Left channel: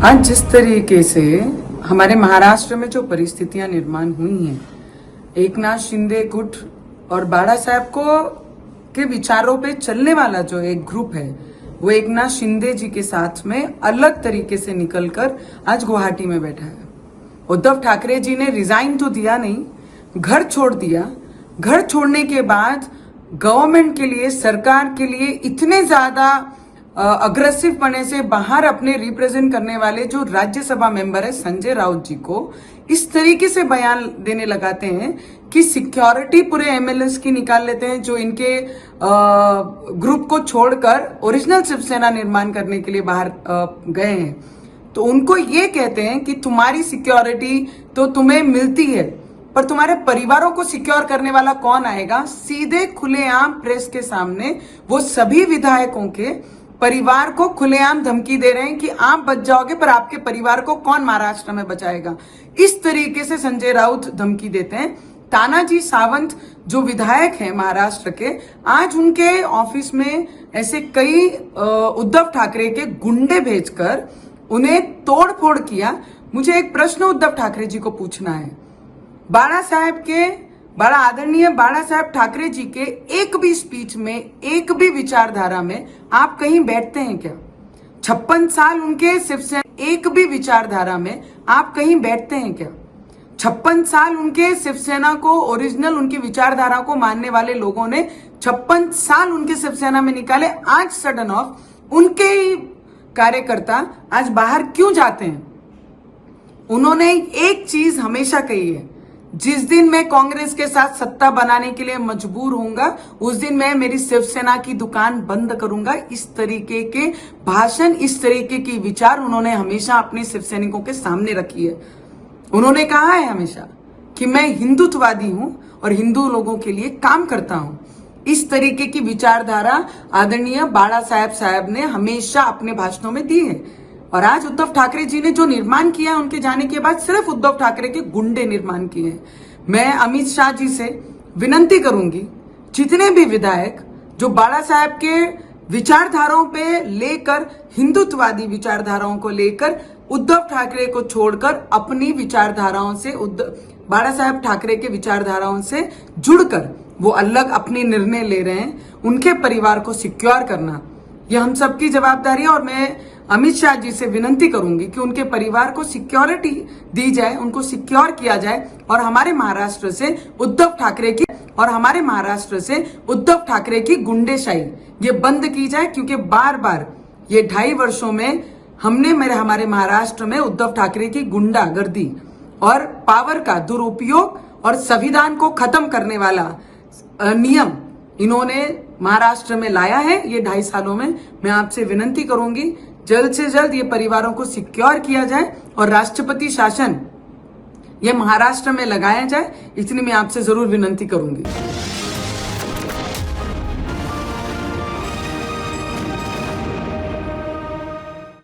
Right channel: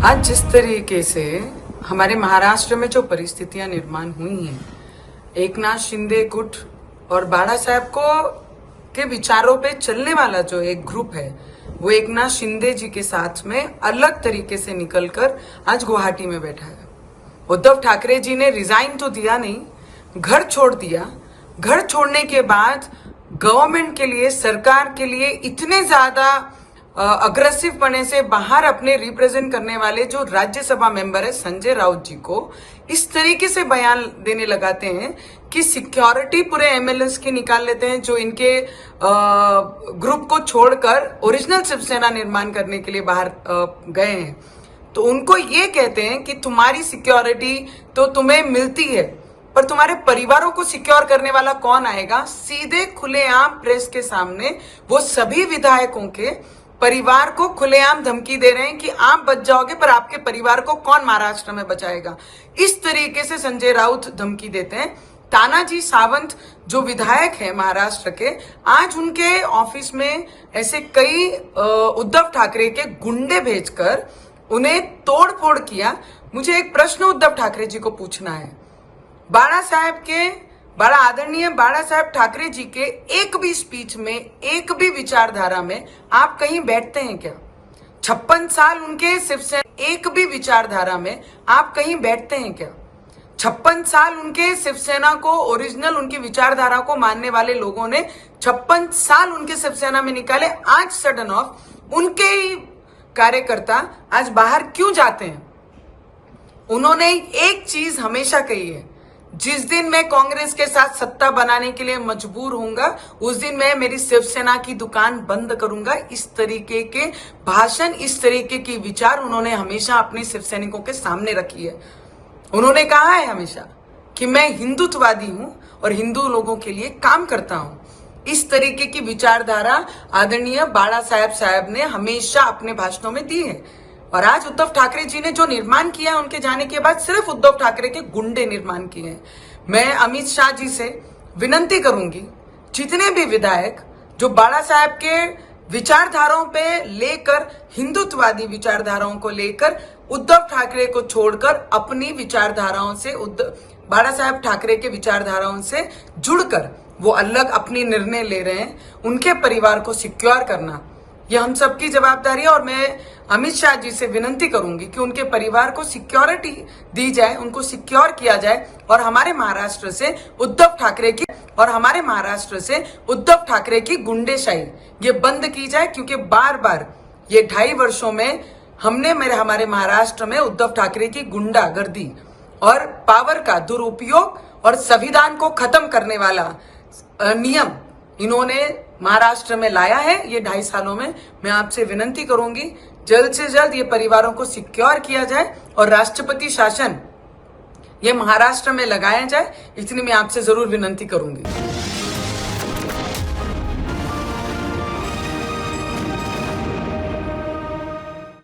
आज जिस तरीके से हमारे महाराष्ट्र में जो परिस्थितियां निर्माण हुई हैं, एकनाथ शिंदे गुट और बाला साहब को के विचारों पे चलने वाला जो एक ग्रुप है, वो एकनाथ शिंदे जी के साथ में अलग तरीके से निकलकर आज गुवाहाटी में बैठा है। उद्धव ठाकरे जी ने रिजाइन तो दिया नहीं, घर छोड़ दिया। घर छोड़ने के बाद गवर्नमेंट के लिए, सरकार के लिए इतने ज्यादा अग्रेसिव पने से बाहर अपने रिप्रेजेंट करने वाले जो राज्यसभा मेंबर है संजय राउत जी को इस तरीके से बयान देने लगाते हैं कि सिक्योरिटी पूरे एमएलएस की निकाल लेते हैं, जो इनके ग्रुप को छोड़कर ओरिजिनल शिवसेना निर्माण करने के लिए बाहर गए हैं। तो उनको ये कहते हैं कि तुम्हारी सिक्योरिटी तो तुम्हें मिलती है, पर तुम्हारे परिवारों को सिक्योर करने वाला कौन आएगा। सीधे खुलेआम प्रेस के सामने वो सभी विधायकों के परिवार को खुलेआम धमकी दे रहे हैं कि आप बच जाओगे, पर आपके परिवार को कौन महाराष्ट्र में बचाएगा। इस तरीके से संजय राउत धमकी देते हैं। तानाजी सावंत जो विधायक हैं महाराष्ट्र के, आज उनके ऑफिस में ऐसे कई उद्धव ठाकरे के गुंडे भेजकर उन्हें तोड़ फोड़ किया। मुझे एक प्रश्न उद्धव ठाकरे जी को पूछना है, बड़ा आदरणीय बाला साहब ठाकरे जी के एक भी स्पीच में, एक भी विचारधारा में आप कहीं बैठते हैं क्या? 56 साल उनके शिवसेना, एक भी विचारधारा में आप कहीं बैठते हैं क्या? 56 साल उनके शिवसेना को, ओरिजिनल उनकी विचारधारा को मानने वाले लोगों ने 56 साल उनके शिवसेना में निकाले। आज सडन ऑफ उनके ही कार्यकर्ता आज बाहर क्यों जाते हैं? उन्होंने एक चीज हमेशा कही है, जिस दिन मैं कांग्रेस के साथ सत्ता बनाने के लिए मजबूर होऊंगा, उस दिन मैं मेरी शिवसेना की दुकान बंद करूंगा। इस तरीके के भाषण, इस तरीके की विचार उन्होंने हमेशा अपने शिवसैनिकों के सामने रखी है। उन्होंने कहा है हमेशा कि मैं हिंदुत्ववादी हूं और हिंदू लोगों के लिए काम करता हूं। इस तरीके की विचारधारा आदरणीय बाला साहब ने हमेशा अपने भाषणों में दी है। और आज उद्धव ठाकरे जी ने जो निर्माण किया, उनके जाने के बाद सिर्फ उद्धव ठाकरे के गुंडे निर्माण किए हैं। मैं अमित शाह जी से विनती करूंगी, जितने भी विधायक जो बाला साहब के विचारधाराओं पे लेकर, हिंदुत्ववादी विचारधाराओं को लेकर उद्धव ठाकरे को छोड़कर अपनी विचारधाराओं से, बाला साहब ठाकरे के विचारधाराओं से जुड़कर वो अलग अपनी निर्णय ले रहे हैं, उनके परिवार को सिक्योर करना यह हम सबकी जवाबदारी है। और मैं अमित शाह जी से विनती करूंगी कि उनके परिवार को सिक्योरिटी दी जाए, उनको सिक्योर किया जाए और हमारे महाराष्ट्र से उद्धव ठाकरे की गुंडेशाही ये बंद की जाए। क्योंकि बार बार ये 2.5 वर्षों में हमारे महाराष्ट्र में उद्धव ठाकरे की गुंडागर्दी और पावर का दुरुपयोग और संविधान को खत्म करने वाला नियम इन्होंने महाराष्ट्र में लाया है। ये 2.5 सालों में मैं आपसे विनती करूंगी, जल्द से जल्द ये परिवारों को सिक्योर किया जाए और राष्ट्रपति शासन ये महाराष्ट्र में लगाया जाए। इतनी मैं आपसे जरूर विनती करूंगी।